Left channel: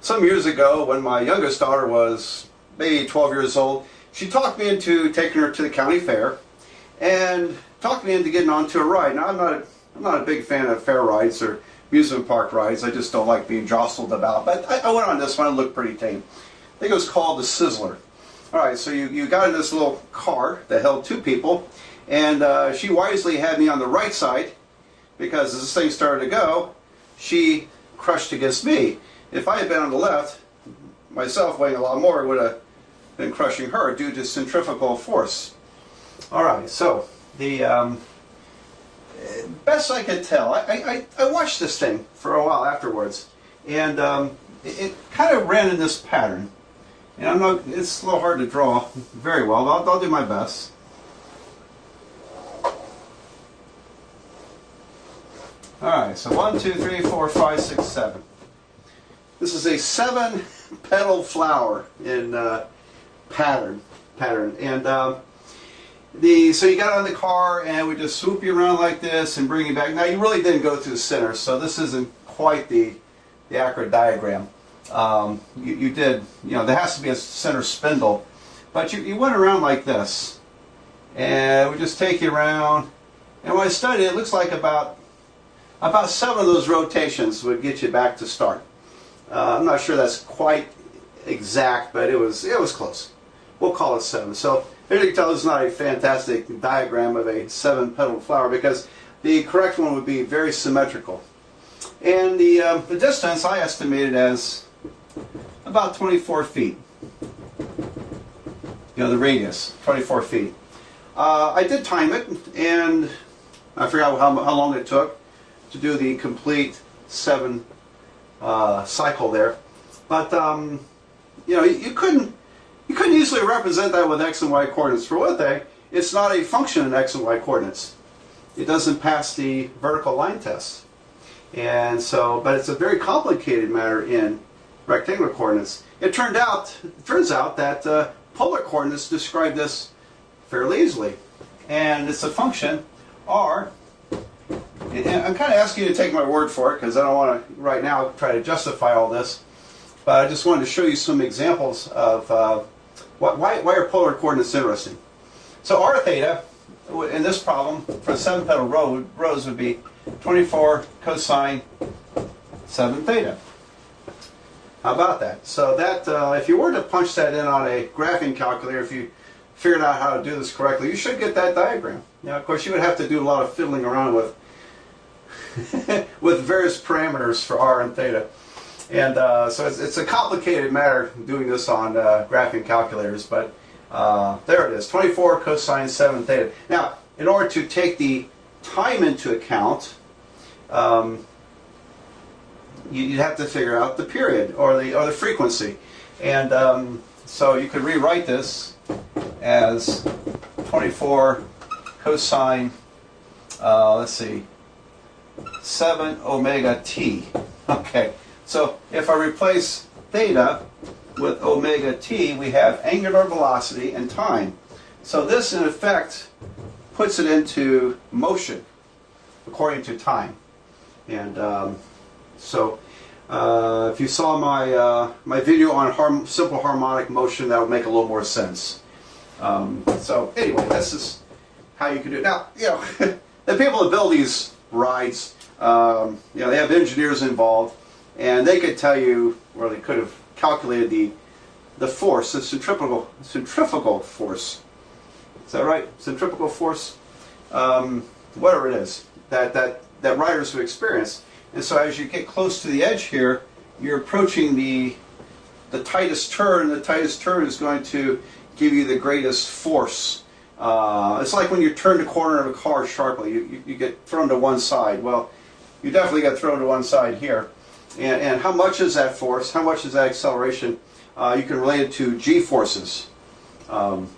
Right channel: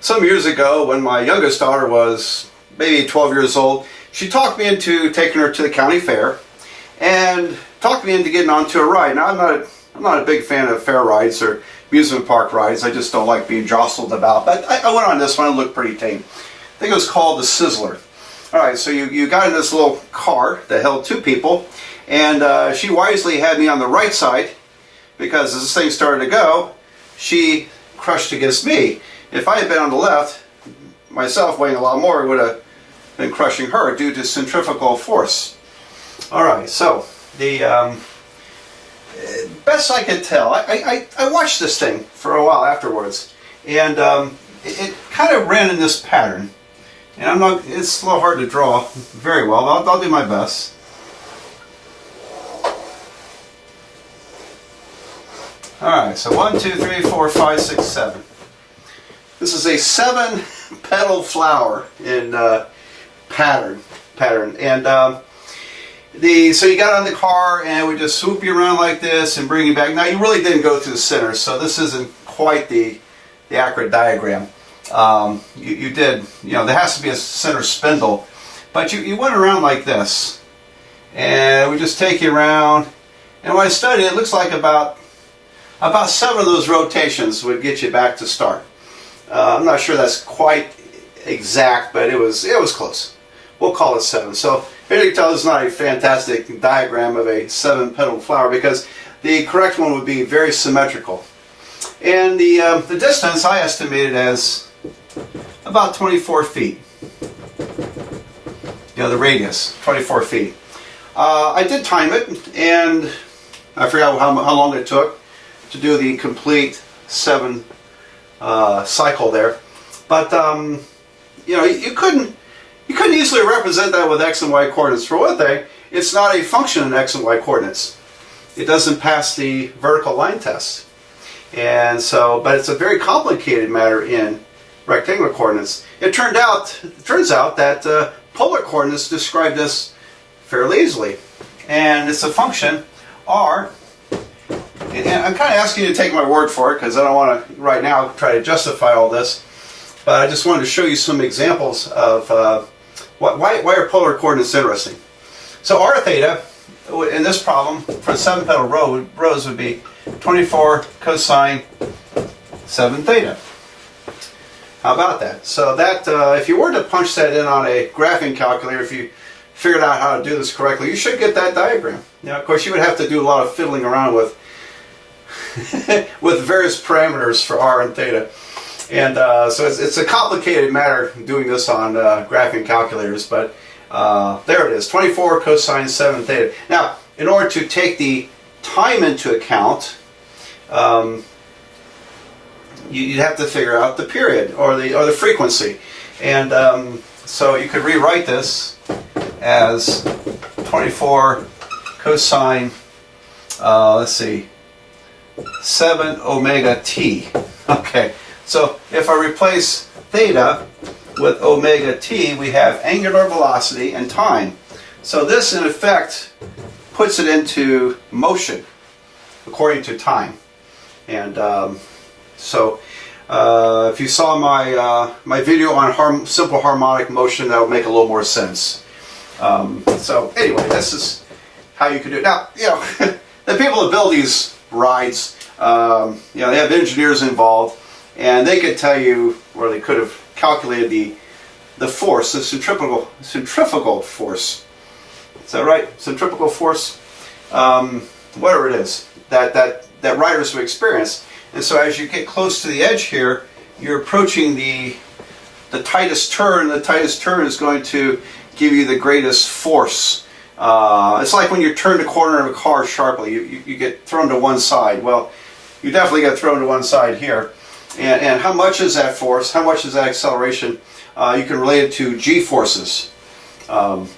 Some years ago, when my youngest daughter was maybe 12 years old, she talked me into taking her to the county fair and talked me into getting onto a ride. Now, I'm not a big fan of fair rides or amusement park rides. I just don't like being jostled about. But I went on this one. It looked pretty tame. I think it was called the Sizzler. All right, so you got in this little car that held two people, and she wisely had me on the right side because as this thing started to go, she crushed against me. If I had been on the left, myself weighing a lot more, would have been crushing her due to centrifugal force. All right, so the best I could tell, I watched this thing for a while afterwards, and it kind of ran in this pattern. And it's a little hard to draw very well. I'll do my best. All right, so 1, 2, 3, 4, 5, 6, 7. This is a 7-petal flower in pattern. And so you got on the car and we just swoop you around like this and bring you back. Now you really didn't go through the center, so this isn't quite the accurate diagram. You did, there has to be a center spindle, but you went around like this, and we just take you around. And when I studied, it looks like about 7 of those rotations would get you back to start. I'm not sure that's quite exact, but it was close. We'll call it 7. So here you can tell this is not a fantastic diagram of a 7-petal flower because the correct one would be very symmetrical. And the distance I estimated as about 24 feet. The radius, 24 feet. I did time it, and I forgot how long it took to do the complete 7 cycle there. But you couldn't easily represent that with x and y coordinates. For one thing, it's not a function in x and y coordinates. It doesn't pass the vertical line test. And so, but it's a very complicated matter in rectangular coordinates. It turns out that polar coordinates describe this fairly easily. And it's a function, r. And I'm kind of asking you to take my word for it because I don't want to, right now, try to justify all this. But I just wanted to show you some examples of why are polar coordinates interesting. So r theta, in this problem, for 7-petal rows would be 24 cosine 7 theta. How about that? So that, if you were to punch that in on a graphing calculator, if you figured out how to do this correctly, you should get that diagram. Now, of course, you would have to do a lot of fiddling around with with various parameters for r and theta. And so it's a complicated matter doing this on graphing calculators, but there it is, 24 cosine 7 theta. Now, in order to take the time into account, you'd have to figure out the period or the frequency. And so you could rewrite this as 24 cosine, let's see, 7 omega t. Okay, so if I replace theta with omega t, we have angular velocity and time. So this, in effect, puts it into motion according to time. And so if you saw my video on simple harmonic motion, that would make a little more sense. So anyway, this is how you can do it. Now, the people that build these rides, they have engineers involved, and they could tell you, or they could have calculated the force, the centrifugal force. Is that right? Centrifugal force, whatever it is that riders would experience. And so as you get close to the edge here, you're approaching the tightest turn. The tightest turn is going to give you the greatest force. It's like when you turn the corner of a car sharply, you get thrown to one side. Well, you definitely get thrown to one side here. And how much is that force? How much is that acceleration? You can relate it to g forces. And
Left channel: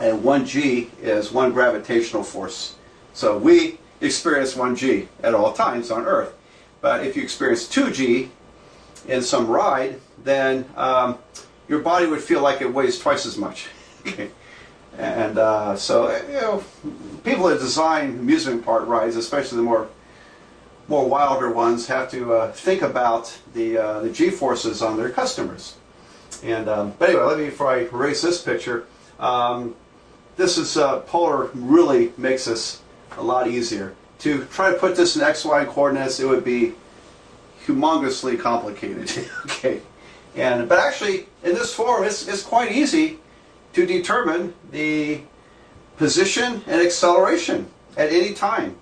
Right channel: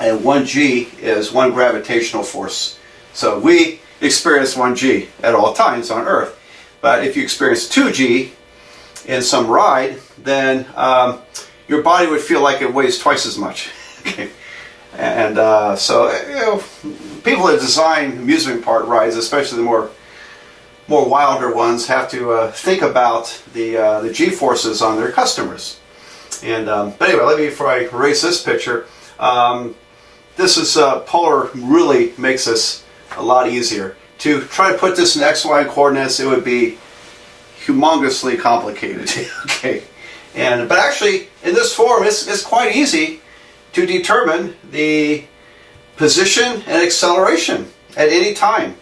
1g is one gravitational force. So we experience 1g at all times on Earth. But if you experience 2g in some ride, then your body would feel like it weighs twice as much. Okay. And so people that design amusement park rides, especially the more more wilder ones have to think about the g-forces on their customers. And but anyway, let me, before I erase this picture, this is polar really makes this a lot easier. To try to put this in x-y coordinates, it would be humongously complicated. Okay, but actually in this form, it's quite easy to determine the position and acceleration at any time.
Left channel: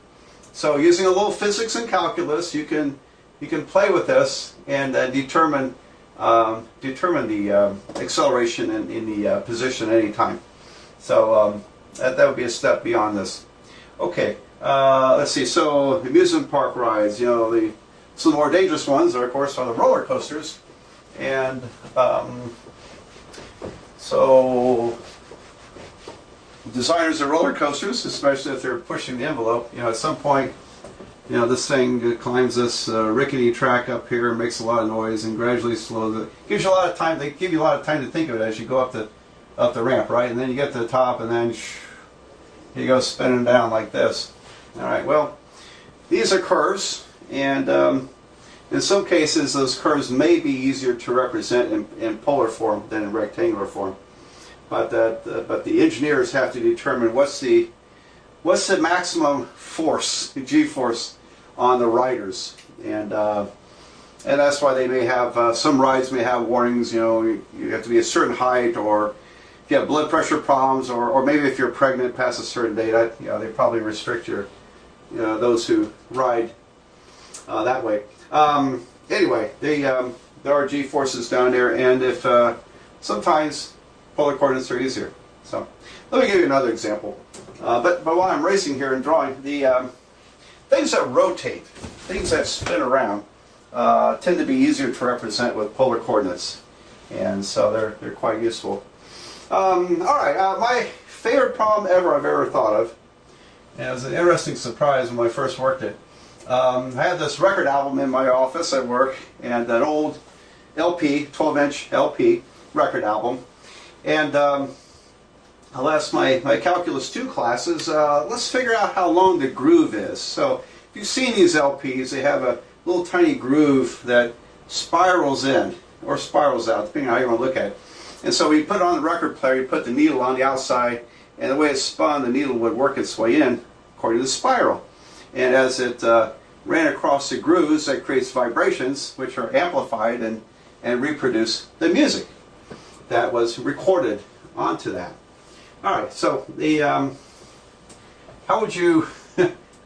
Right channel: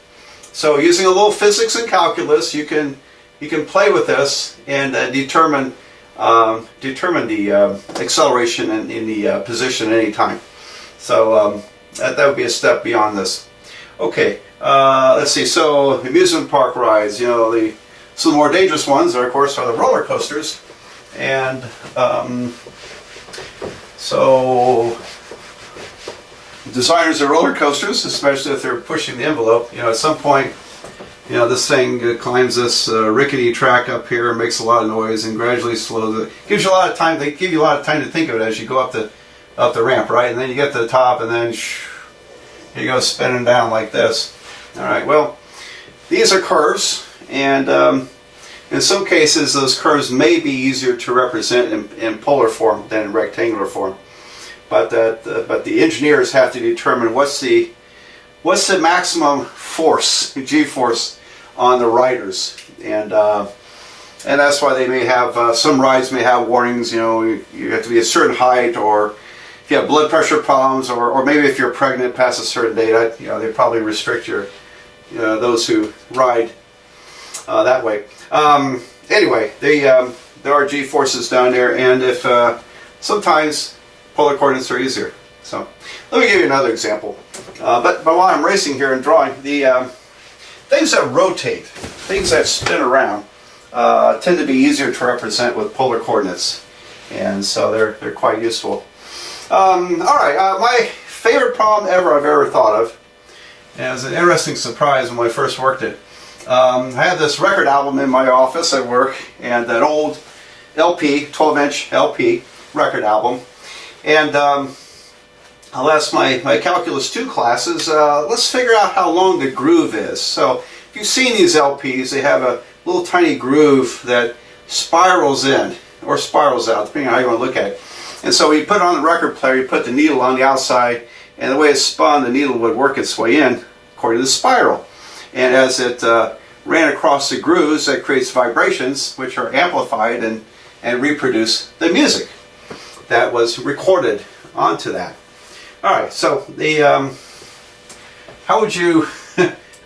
So using a little physics and calculus, you can play with this and determine the acceleration and in the position at any time. So that would be a step beyond this. Okay, let's see. So amusement park rides, you know, some of the more dangerous ones are, of course, are the roller coasters, and so designers of roller coasters, especially if they're pushing the envelope, you know, at some point, you know, this thing climbs this rickety track up here, makes a lot of noise, and gradually slows it. Gives you a lot of time. They give you a lot of time to think of it as you go up the ramp, right? And then you get to the top, and then you go spinning down like this. All right. Well, these are curves, and in some cases, those curves may be easier to represent in polar form than in rectangular form. But the engineers have to determine what's the maximum force, g-force, on the riders, and that's why they may have some rides may have warnings. You know, you have to be a certain height, or if you have blood pressure problems, or maybe if you're pregnant past a certain date, you know, they probably restrict those who ride that way. Anyway, there are g-forces down there, and if sometimes polar coordinates are easier. So let me give you another example. But while I'm racing here and drawing, the things that rotate, things that spin around, tend to be easier to represent with polar coordinates, and so they're quite useful. All right, my favorite problem I've ever thought of, and it was an interesting surprise when I first worked it. I had this record album in my office at work, and that old LP, 12-inch LP record album. And I'll ask my Calculus 2 classes, let's figure out how long the groove is. So if you've seen these LPs, they have a little tiny groove that spirals in or spirals out, depending on how you want to look at it. And so we put it on the record player, you put the needle on the outside, and the way it's spun, the needle would work its way in according to the spiral. And as it ran across the grooves, that creates vibrations, which are amplified and reproduce the music that was recorded onto that. All right, so how would you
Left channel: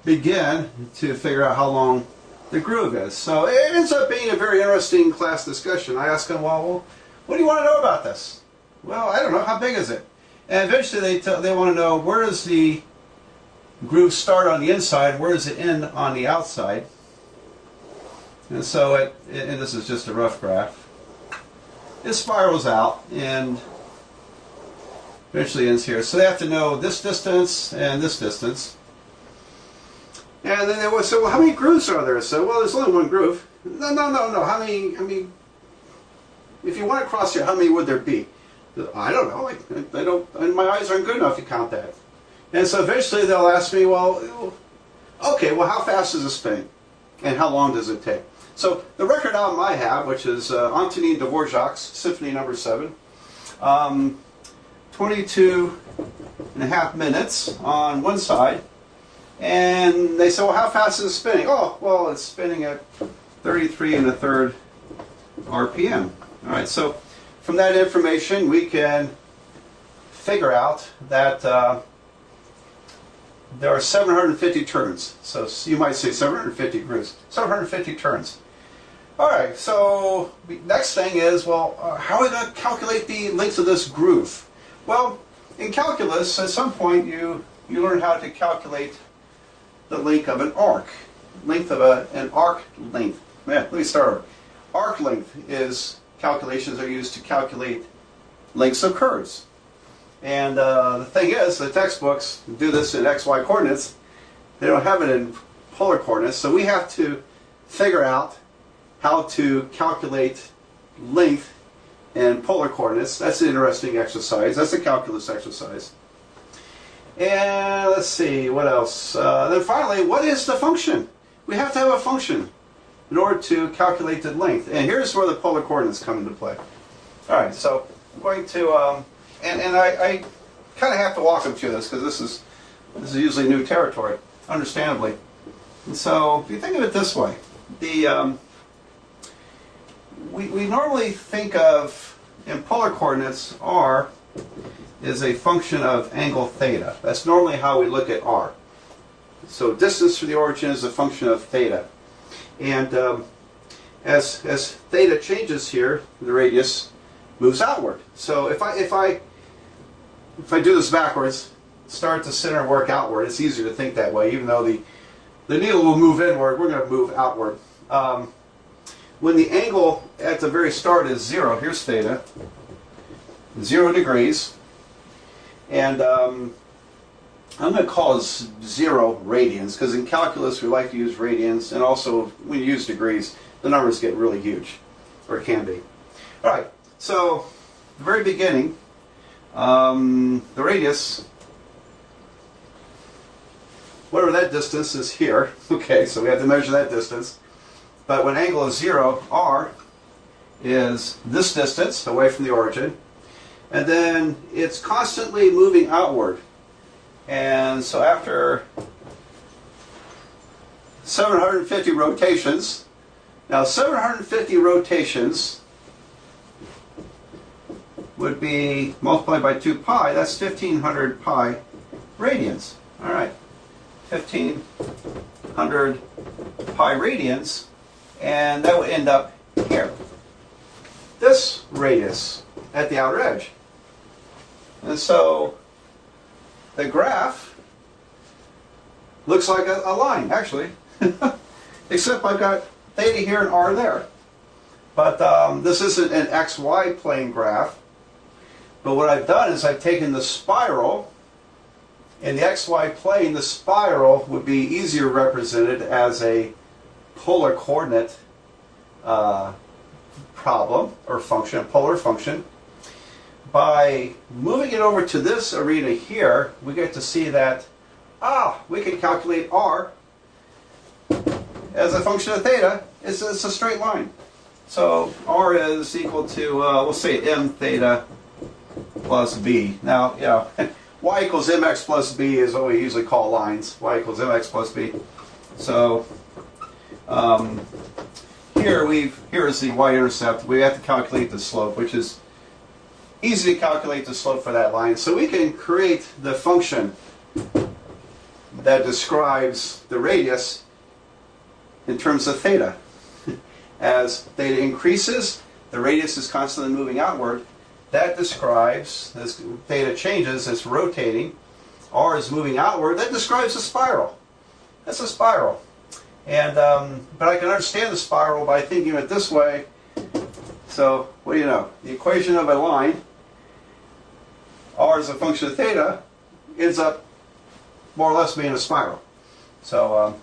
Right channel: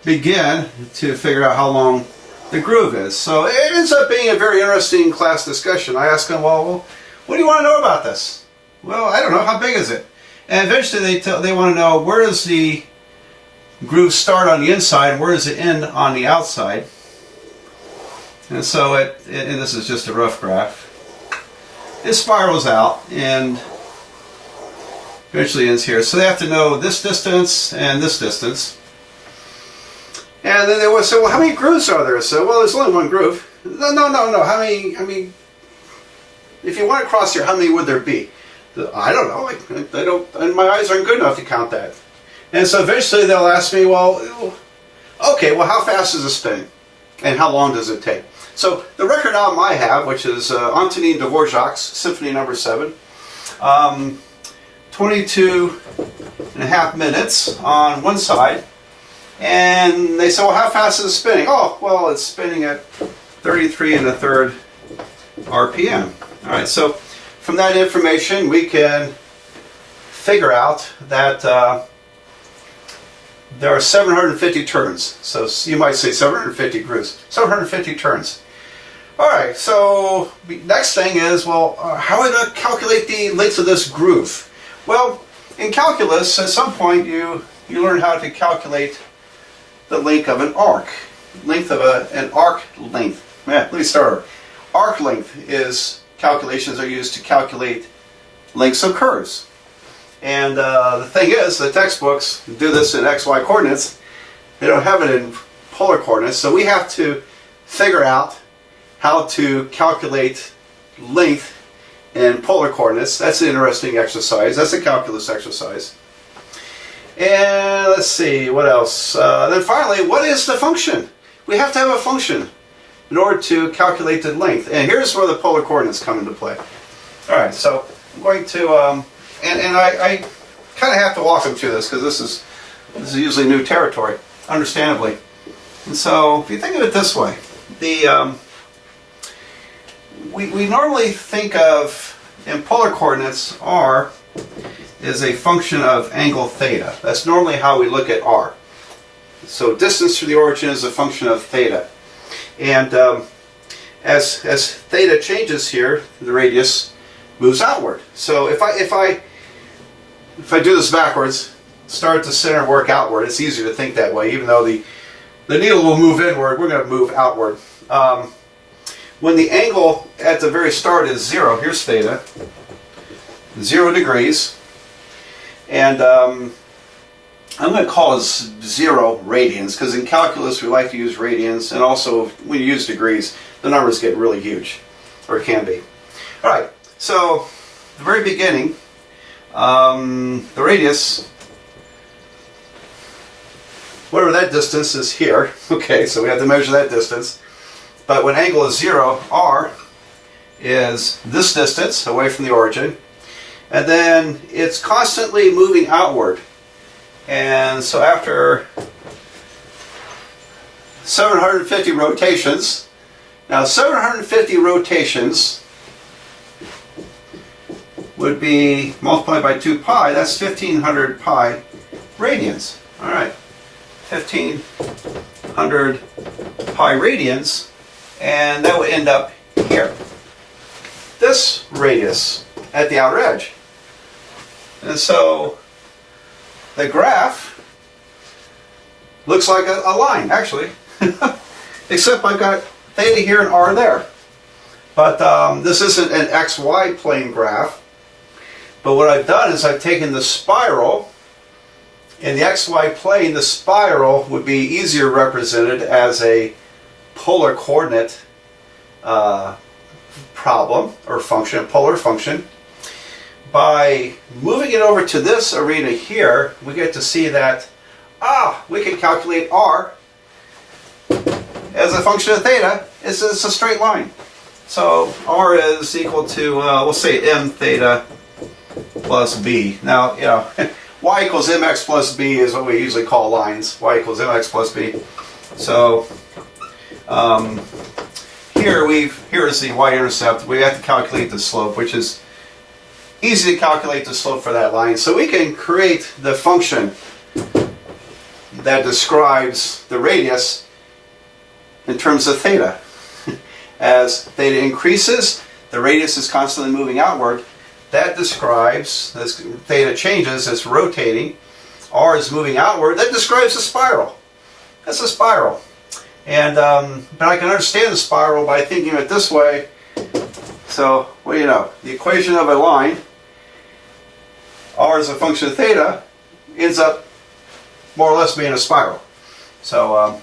begin to figure out how long the groove is? So it ends up being a very interesting class discussion. I ask them, well, what do you want to know about this? Well, I don't know. How big is it? And eventually they want to know, where does the groove start on the inside and where does it end on the outside? And so and this is just a rough graph. It spirals out and eventually ends here. So they have to know this distance and this distance. And then they would say, well, how many grooves are there? So, well, there's only one groove. No. How many, if you want to cross here, how many would there be? I don't know. I don't, and my eyes aren't good enough to count that. And so eventually they'll ask me, well, okay, well, how fast is it spinning? And how long does it take? So the record album I have, which is Antonin Dvorak's Symphony No. 7, 22 and a half minutes on one side. And they say, well, how fast is it spinning? Oh, well, it's spinning at 33 1/3 RPM. All right, so from that information, we can figure out that there are 750 turns. So you might say 750 grooves, 750 turns. All right, so the next thing is, well, how are we going to calculate the length of this groove? Well, in calculus, at some point you learn how to calculate the length of an arc. Length of an arc length. Let me start over. Arc length is, calculations are used to calculate lengths of curves. And the thing is, the textbooks do this in XY coordinates. They don't have it in polar coordinates, so we have to figure out how to calculate length in polar coordinates. That's an interesting exercise. That's a calculus exercise. And let's see, what else? Then finally, what is the function? we have to have a function in order to calculate the length. And here's where the polar coordinates come into play. All right, so I'm going to, and I kind of have to walk them through this because this is usually new territory, understandably. And so if you think of it this way, we normally think of, in polar coordinates, r is a function of angle theta. That's normally how we look at r. So distance to the origin is a function of theta. And as theta changes here, the radius moves outward. So if I do this backwards, start at the center and work outward, it's easier to think that way. Even though the needle will move inward, we're going to move outward. When the angle at the very start is 0, here's theta, 0 degrees, and I'm going to call this 0 radians, because in calculus we like to use radians, and also when you use degrees, the numbers get really huge, or can be. All right, so the very beginning, the radius, whatever that distance is here, okay, so we have to measure that distance. But when angle is 0, r is this distance away from the origin, and then it's constantly moving outward. And so after 750 rotations, now 750 rotations would be multiplied by 2 pi, that's 1500 pi radians. All right, 1500 pi radians, and that will end up here. This radius at the outer edge. And so the graph looks like a line, actually, except I've got theta here and r there. But this isn't an xy plane graph. But what I've done is I've taken the spiral. In the xy plane, the spiral would be easier represented as a polar coordinate problem or function, a polar function. By moving it over to this arena here, we get to see that, we can calculate r as a function of theta. It's a straight line. So r is equal to, we'll say m theta plus b. Now, you know, y equals mx plus b is what we usually call lines. Y equals mx plus b. So here is the y-intercept. We have to calculate the slope, which is easy to calculate the slope for that line. So we can create the function that describes the radius in terms of theta. As theta increases, the radius is constantly moving outward. That describes, as theta changes, it's rotating. R is moving outward. That describes a spiral. That's a spiral. And but I can understand the spiral by thinking of it this way. So, well, you know, the equation of a line, r is a function of theta, ends up more or less being a spiral. So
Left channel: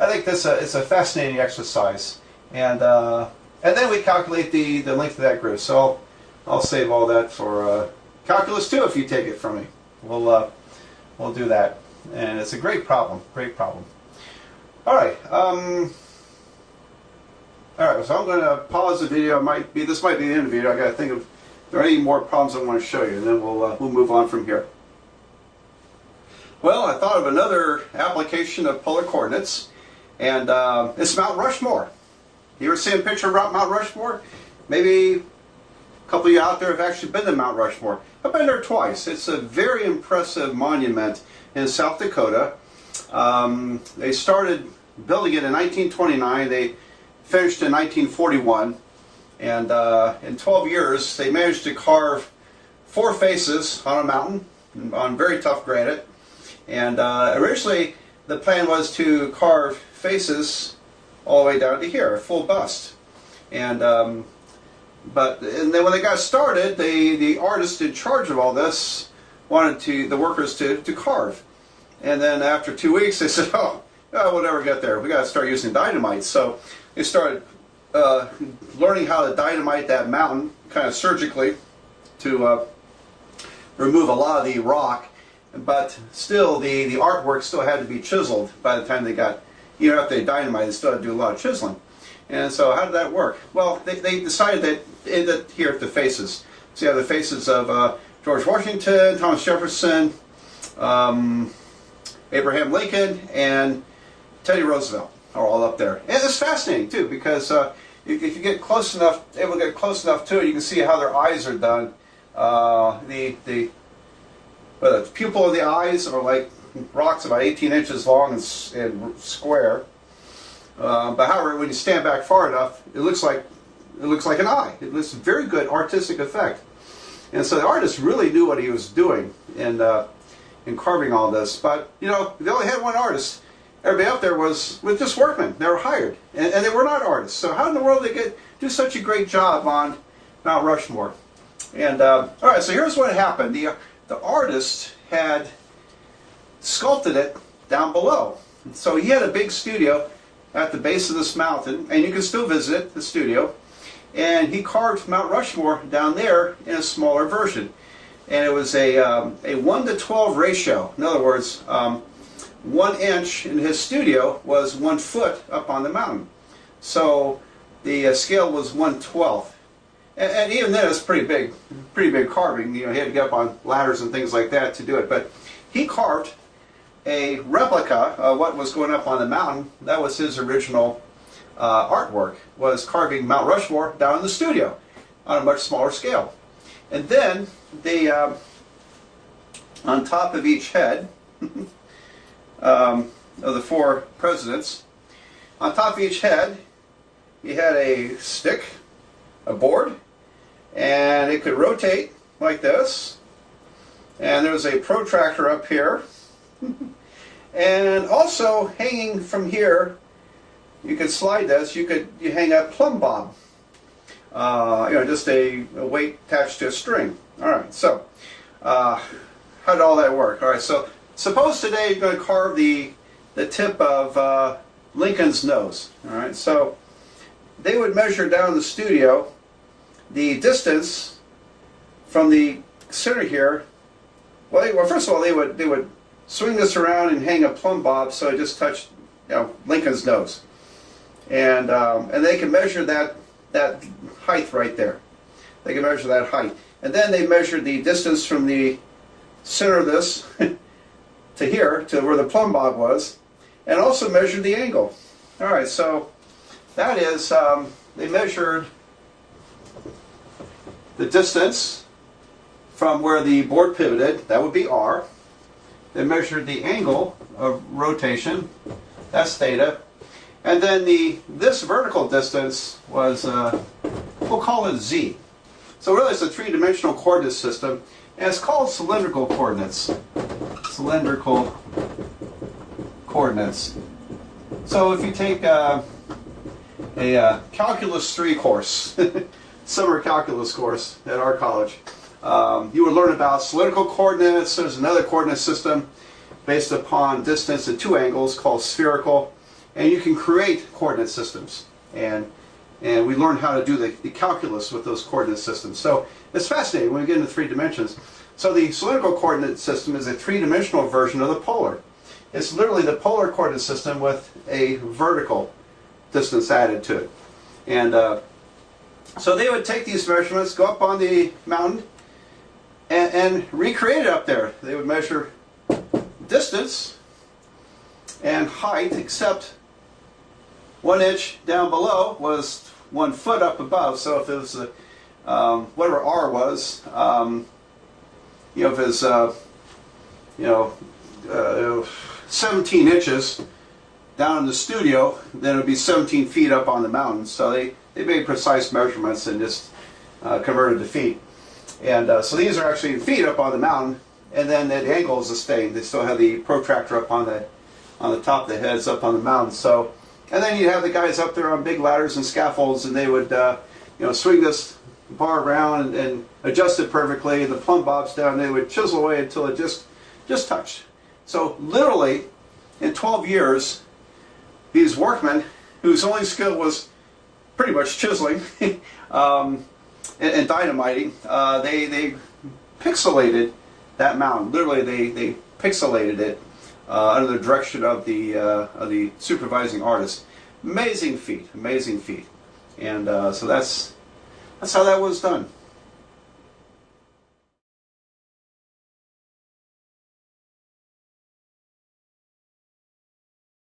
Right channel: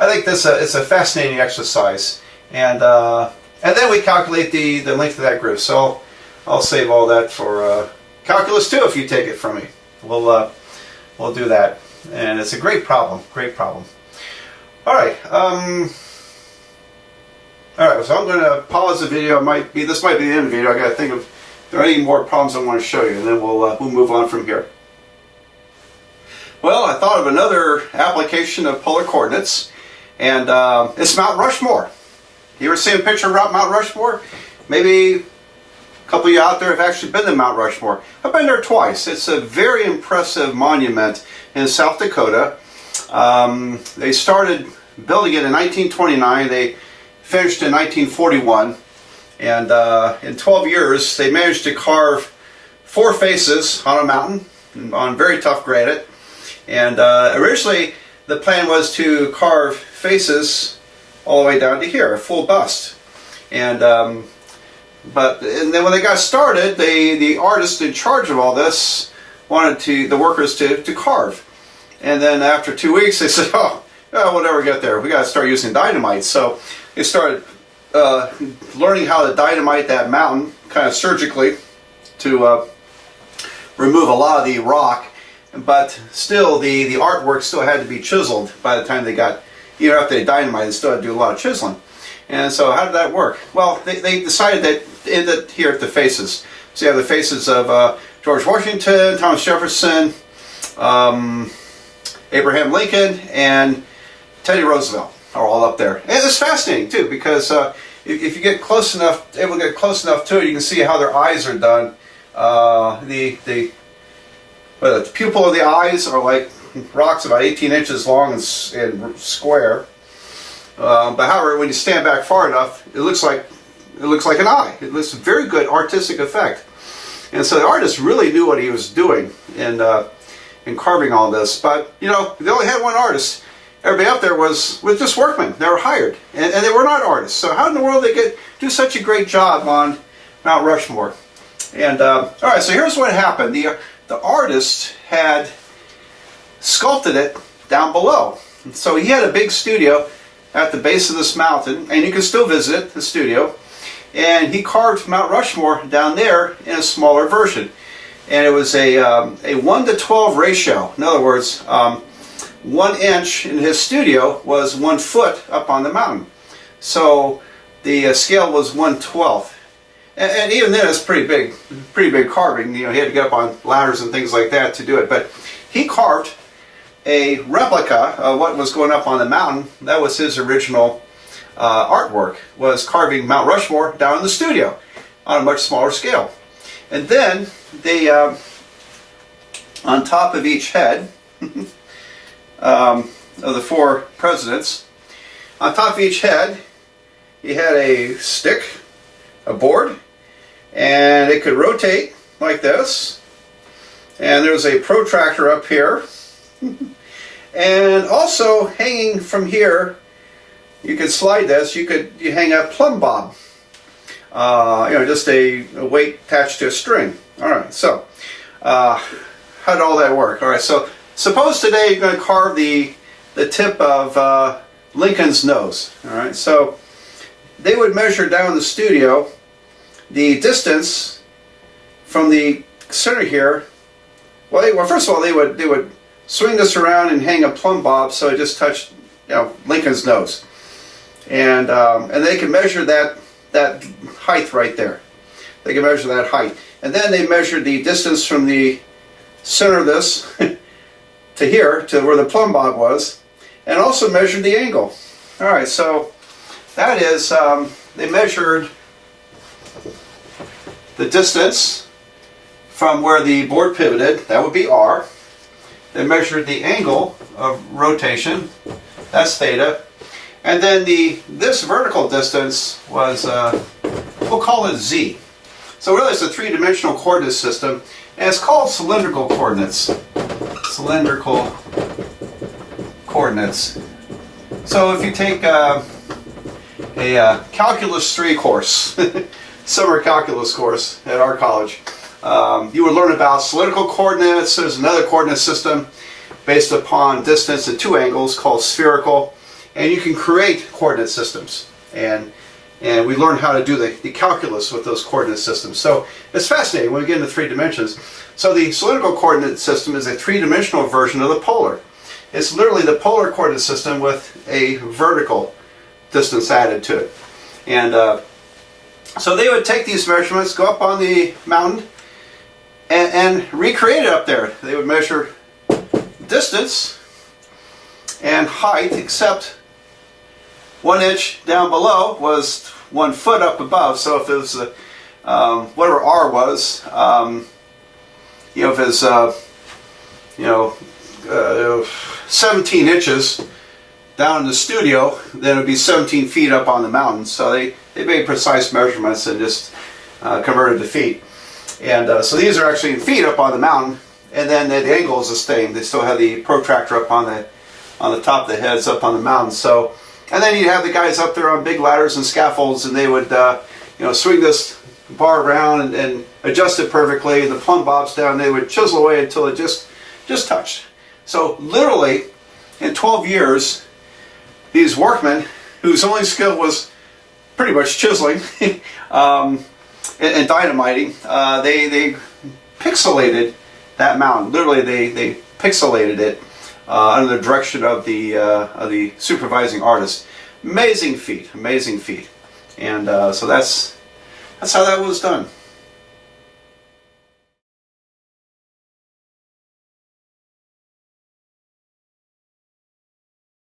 I think this it's a fascinating exercise. And then we calculate the length of that groove. So I'll save all that for calculus 2 if you take it from me. We'll do that. And it's a great problem, great problem. All right. All right, so I'm going to pause the video. This might be the end of the video. I got to think if there are any more problems I want to show you, and then we'll move on from here. Well, I thought of another application of polar coordinates, and it's Mount Rushmore. You ever seen a picture of Mount Rushmore? Maybe a couple of you out there have actually been to Mount Rushmore. I've been there twice. It's a very impressive monument in South Dakota. They started building it in 1929. They finished in 1941. And in 12 years, they managed to carve 4 faces on a mountain on very tough granite. And originally, the plan was to carve faces all the way down to here, a full bust. And then when they got started, the artist in charge of all this wanted the workers to carve. And then after 2 weeks, they said, we'll never get there. We got to start using dynamite. So they started learning how to dynamite that mountain, kind of surgically, to remove a lot of the rock. But still, the artwork still had to be chiseled by the time they got even after they dynamite, they still had to do a lot of chiseling. And so how did that work? Well, they decided that here at the faces. So you have the faces of George Washington, Thomas Jefferson, Abraham Lincoln, and Teddy Roosevelt are all up there. And it's fascinating too, because if you get close enough, able to get close enough to it, you can see how their eyes are done. The pupil of the eyes are like rocks about 18 inches long and square. But however, when you stand back far enough, it looks like an eye. It looks a very good artistic effect. And so the artist really knew what he was doing in carving all this. But they only had one artist. Everybody up there was just workmen. They were hired, and they were not artists. So how in the world did they do such a great job on Mount Rushmore? And all right, so here's what happened. The artist had sculpted it down below. So he had a big studio at the base of this mountain, and you can still visit the studio. And he carved Mount Rushmore down there in a smaller version. And it was a 1:12 ratio. In other words, 1 inch in his studio was 1 foot up on the mountain. So the scale was 1/12. And even then it's pretty big carving. He had to get up on ladders and things like that to do it. But he carved a replica of what was going up on the mountain. That was his original artwork, was carving Mount Rushmore down in the studio on a much smaller scale. And then they, on top of each head of the 4 presidents, on top of each head, he had a stick, a board, and it could rotate like this. And there was a protractor up here. And also hanging from here, you could slide this, you hang a plumb bob. Just a weight attached to a string. All right, so how did all that work? All right, so suppose today you're going to carve the tip of Lincoln's nose. All right, so they would measure down in the studio the distance from the center here. Well, first of all, they would swing this around and hang a plumb bob so it just touched Lincoln's nose, and they can measure that height right there. They can measure that height, and then they measured the distance from the center of this to here, to where the plumb bob was, and also measured the angle. All right, so that is, they measured the distance from where the board pivoted, that would be R. They measured the angle of rotation, that's theta. And then this vertical distance was, we'll call it Z. So really it's a 3-dimensional coordinate system, and it's called cylindrical coordinates. Cylindrical coordinates. So if you take a Calculus 3 course, summer calculus course at our college, you would learn about cylindrical coordinates. There's another coordinate system based upon distance at 2 angles called spherical. And you can create coordinate systems. And we learn how to do the calculus with those coordinate systems. So it's fascinating when we get into 3 dimensions. So the cylindrical coordinate system is a 3-dimensional version of the polar. It's literally the polar coordinate system with a vertical distance added to it. And so they would take these measurements, go up on the mountain, and recreate it up there. They would measure distance and height, except 1 inch down below was 1 foot up above. So if it was whatever R was, if it's 17 inches down in the studio, then it would be 17 feet up on the mountain. So they made precise measurements and just converted to feet. And so these are actually in feet up on the mountain, and then the angle is the same. They still have the protractor up on the top of the heads up on the mountain. So, and then you have the guys up there on big ladders and scaffolds, and they would swing this bar around and adjust it perfectly. And the plumb bobs down, they would chisel away until it just touched. So literally, in 12 years, these workmen, whose only skill was pretty much chiseling and dynamiting, they pixelated that mountain. Literally, they pixelated it under the direction of the supervising artist. Amazing feat, amazing feat. And so that's how that was done.